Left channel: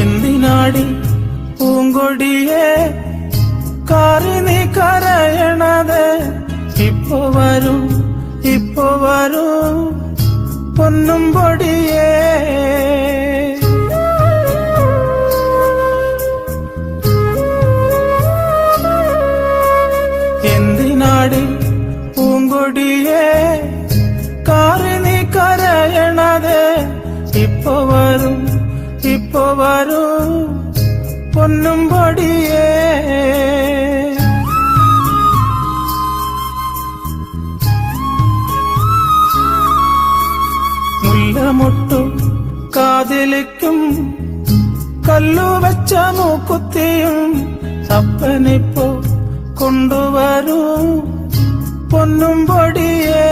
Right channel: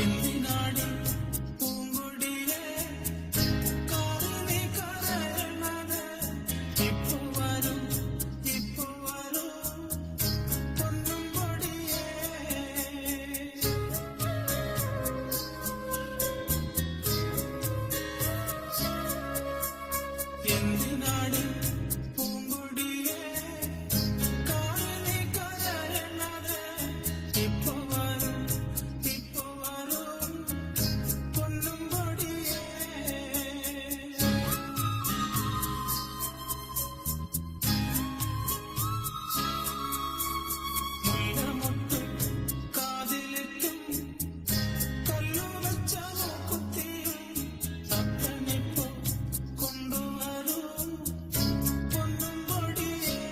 എന്തിനാടി പൂങ്കൊടിയെ കാറി നീ കരയണത്? ഇപ്പൊ വരൂ പൊന്നും പൊടിയേ. എന്തിനാടി പൂങ്കൊടിയെ കാറി നീ കരയണത്? ഇപ്പൊ വരൂ പൊന്നും പൊടിയേ. മുല്ലമുട്ടു കാതിലിക്കും കല്ലുവെച്ച മൂക്കുത്തിയും അപ്പനിപ്പോ കൊണ്ടുവരൂ പൊന്നും പൊടിയേ.